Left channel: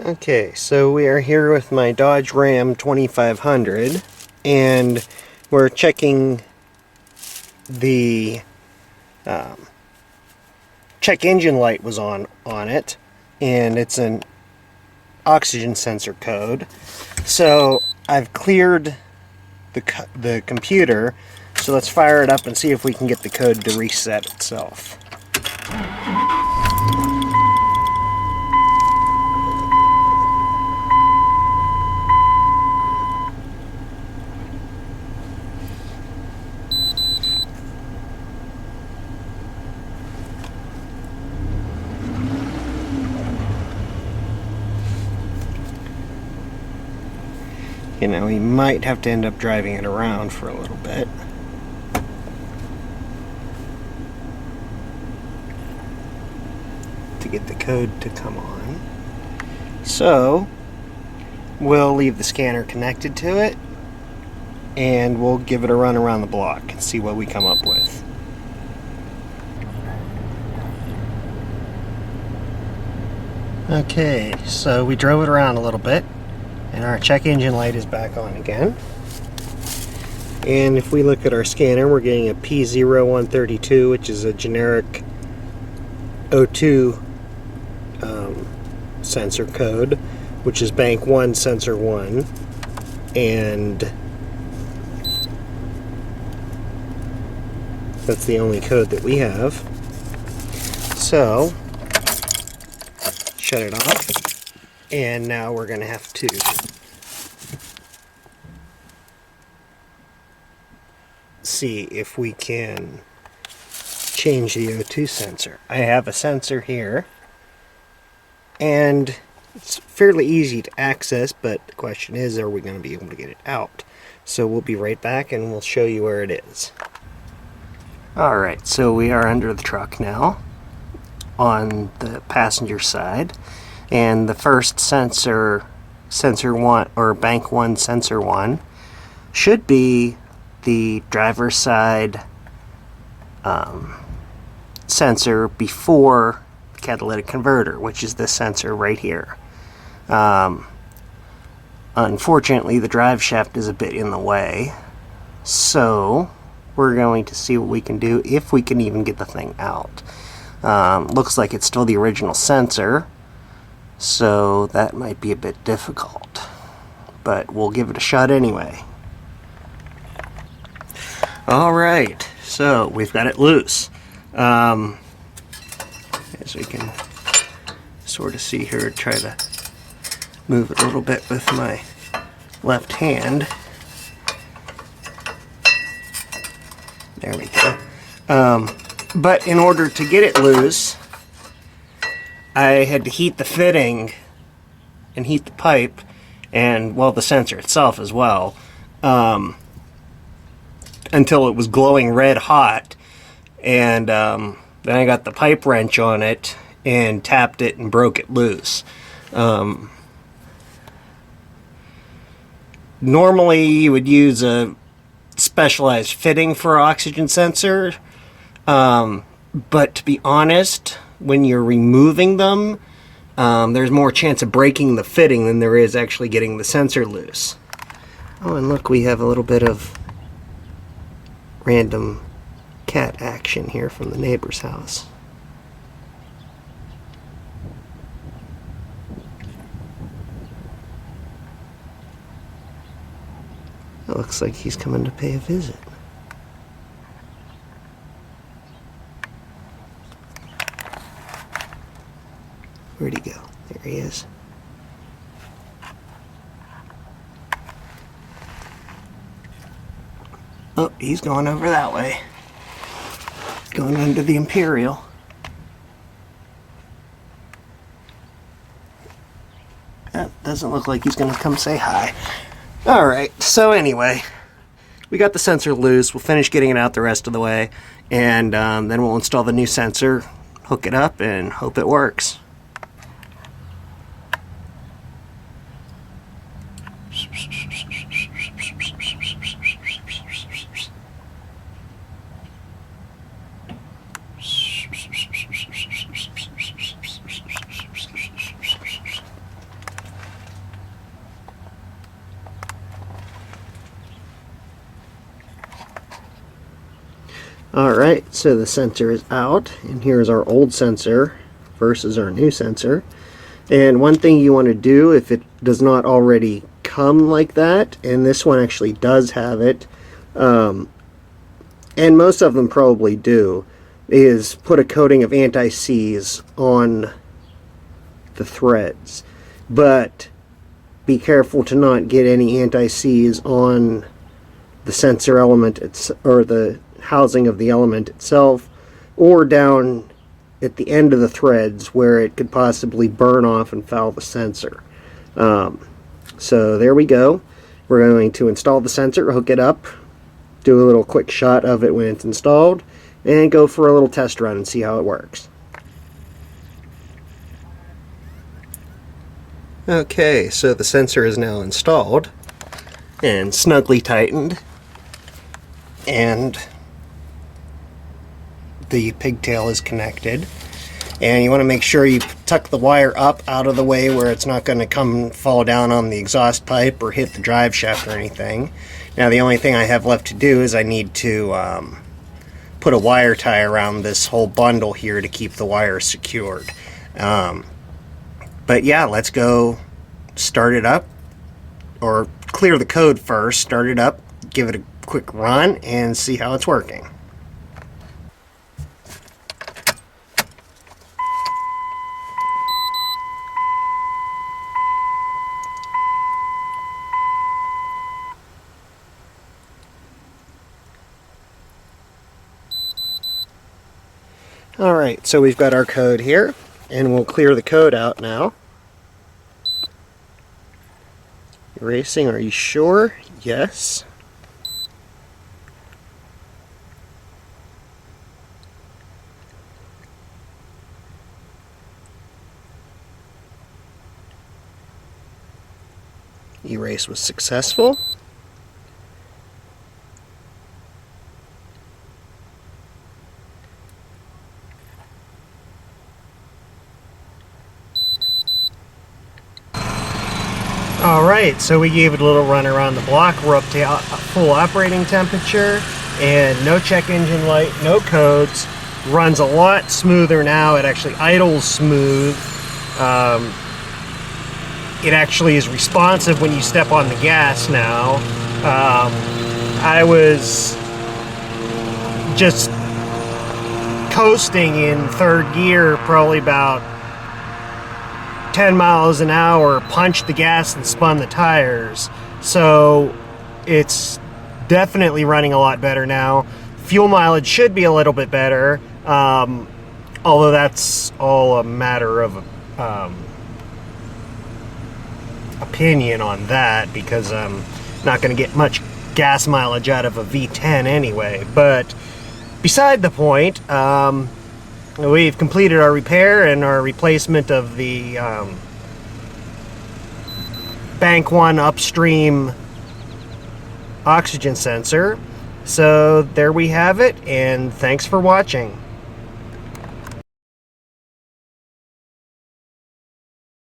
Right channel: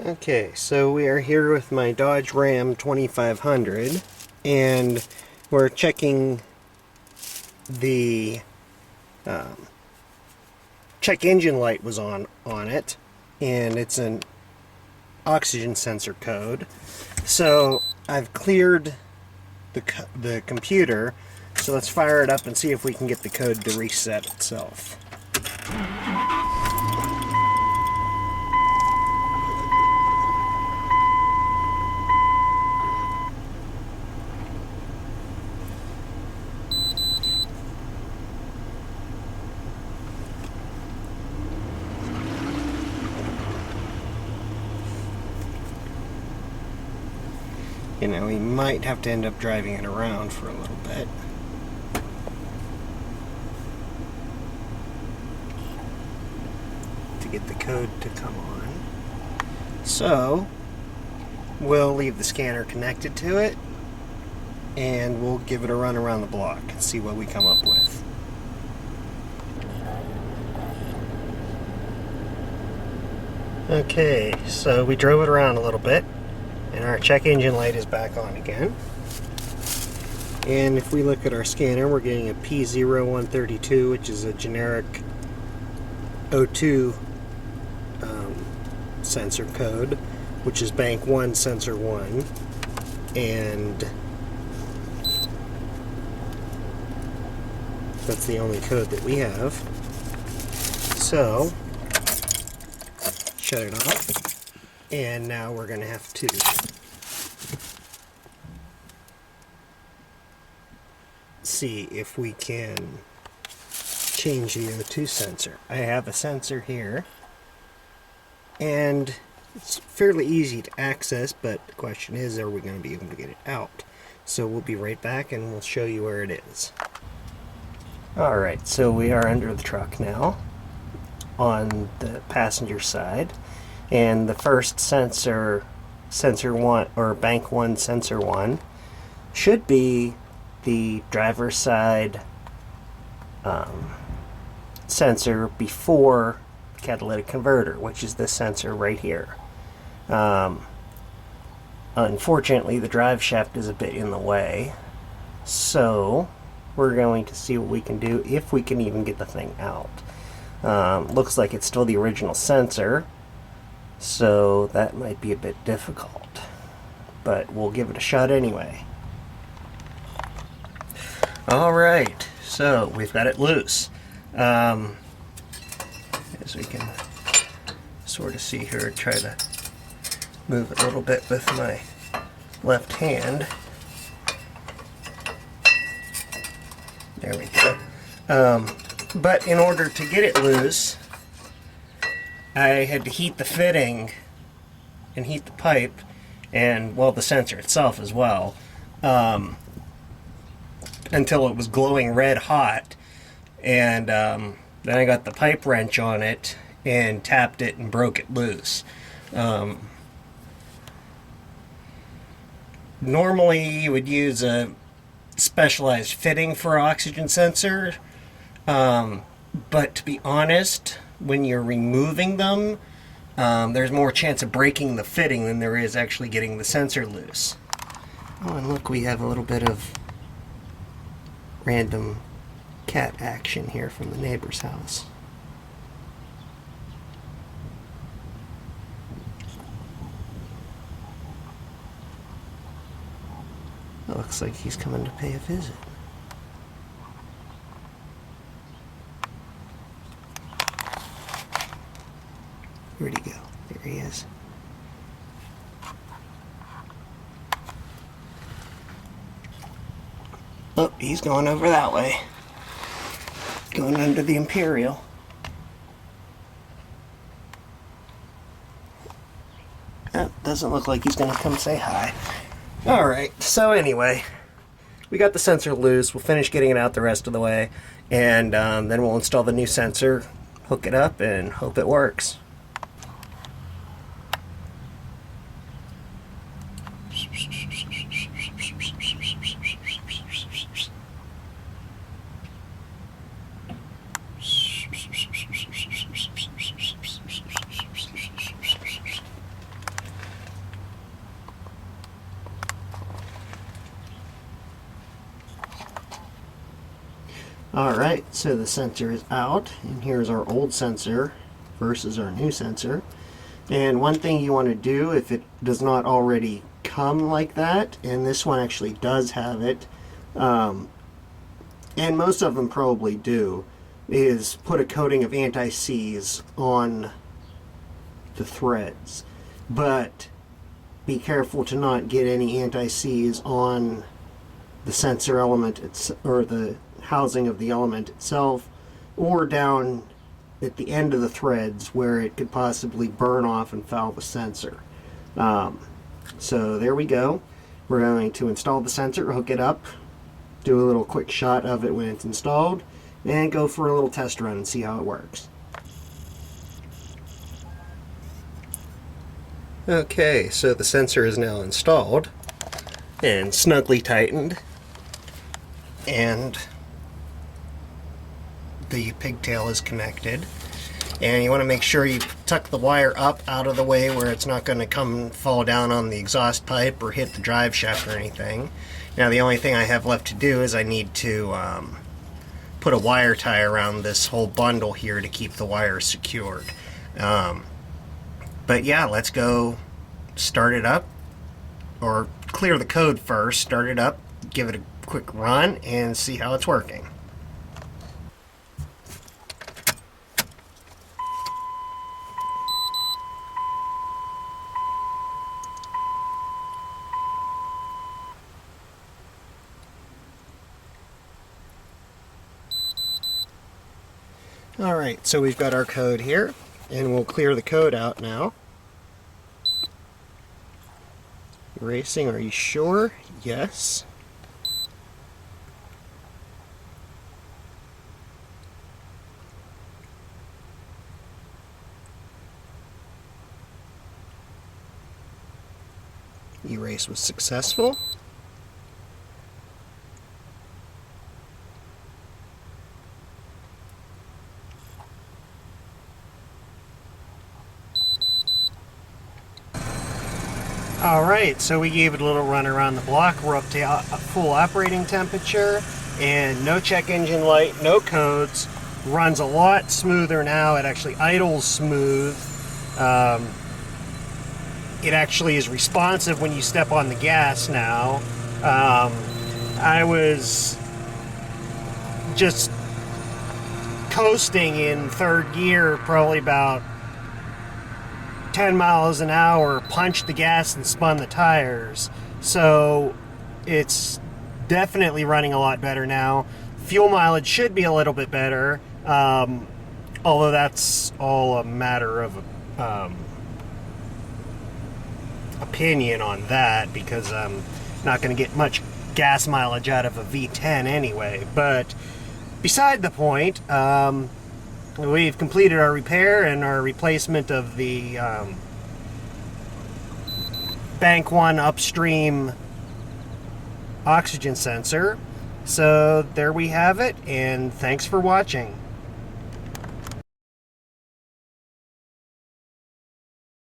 Okay, so we are here with my Dodge Ram 2500 and we're checking the check engine light was on it, and it's an oxygen sensor code. So I've cleared the computer, so let's fire it up and see if we can get the code to reset itself. You know, we might have to end up driving it around for a little bit. To get the code to come on. So, we'll leave the scanner connected to it, and we'll give it a run around the block and see what we come up with. Okay, so we drove it around a little bit, and our check engine light is back on again. And if we look at our scanner, we're getting a P0132, which is a generic O2 sensor code, which is bank 1 sensor 1, and that's the only code that we have. So shut it off, and now we're going to have to see if we can change the O2 sensor. I have a sensor here, and it's fairly easy to access, but the question is, are we going to be able to get it out? So we'll be right back and we'll show you where it is. Alright, so we are under the truck now on the passenger side, and the first sensor 1, or bank 1 sensor 1, should be the driver's side sensor before the catalytic converter, which is this sensor right here. Unfortunately, the drive shaft is a bit in the way, so we're going to see what we can do, if we can even get the thing out. Looks like it's still the original sensor, so that might be a bit difficult, but we'll give it a shot anyway. Alright, so we've got it loose. As we can sort of see here, try to move it a little bit with my left hand. There we go. But in order to get it loose, I had to heat the fitting and heat the pipe, and, well, the sensor itself as well, until it was glowing red hot, and then I got the pipe wrench on it and tapped it and broke it loose. Normally you would use a specialized fitting for oxygen sensor, but to be honest, when you're removing them, there's more chance of breaking the fitting than there is actually getting the sensor loose. Oh, and look, we have a little bit of random cat action here from the neighbor's house. It looks like he's coming to pay a visit. Where'd he go? There he is. Oh, he's going over that way. Going under the Imperial. That doesn't look like he's going to come say hi. Alright, so anyway, we got the sensor loose. We'll finish getting it out the rest of the way, and then we'll install the new sensor, hook it up, and hope it works. Alright, so the sensor is out, and here's our old sensor versus our new sensor. And one thing you want to do, if it does not already come like that, and this one actually does have it, and most of them probably do, is put a coating of anti-seize on the threads. But be careful to not get any anti-seize on the sensor element, or the housing of the element itself, or down at the end of the threads where it could possibly burn off and foul the sensor. So there we go. We're going to install the sensor, hook it up, do a little quick shot of it when it's installed, and go for a little test run and see how it works. Okay, so the sensor is now installed and snugly tightened, and the pigtail is connected. And you want to make sure you tuck the wire up out of the way where it's not going to come fall down on the exhaust pipe or hit the drive shaft or anything. Now the only thing I have left to do is I need to put a wire tie around this whole bundle here to keep the wire secured. But yeah, let's go start it up, or clear the code first, start it up, give it a quick run, and see how it's working. Alright, so we've got our code here, and we'll clear the code out now. Erasing, are you sure? Yes. Erase was successful. Alright, so we gave it a little run around the block. We're up to full operating temperature, and no check engine light, no codes. Runs a lot smoother now. It actually idles smooth. It actually is responsive when you step on the gas now. I was just coasting in third gear, probably about 10 miles an hour, punched the gas and spun the tires. So it's definitely running a lot better now. Fuel mileage should be a little bit better, although that's all a matter of opinion on that, because I'm not going to get much gas mileage out of a V10 anyway. But beside the point, we've completed our repair and our replacement of the Bank 1 upstream oxygen sensor. So there we have it, and thanks for watching.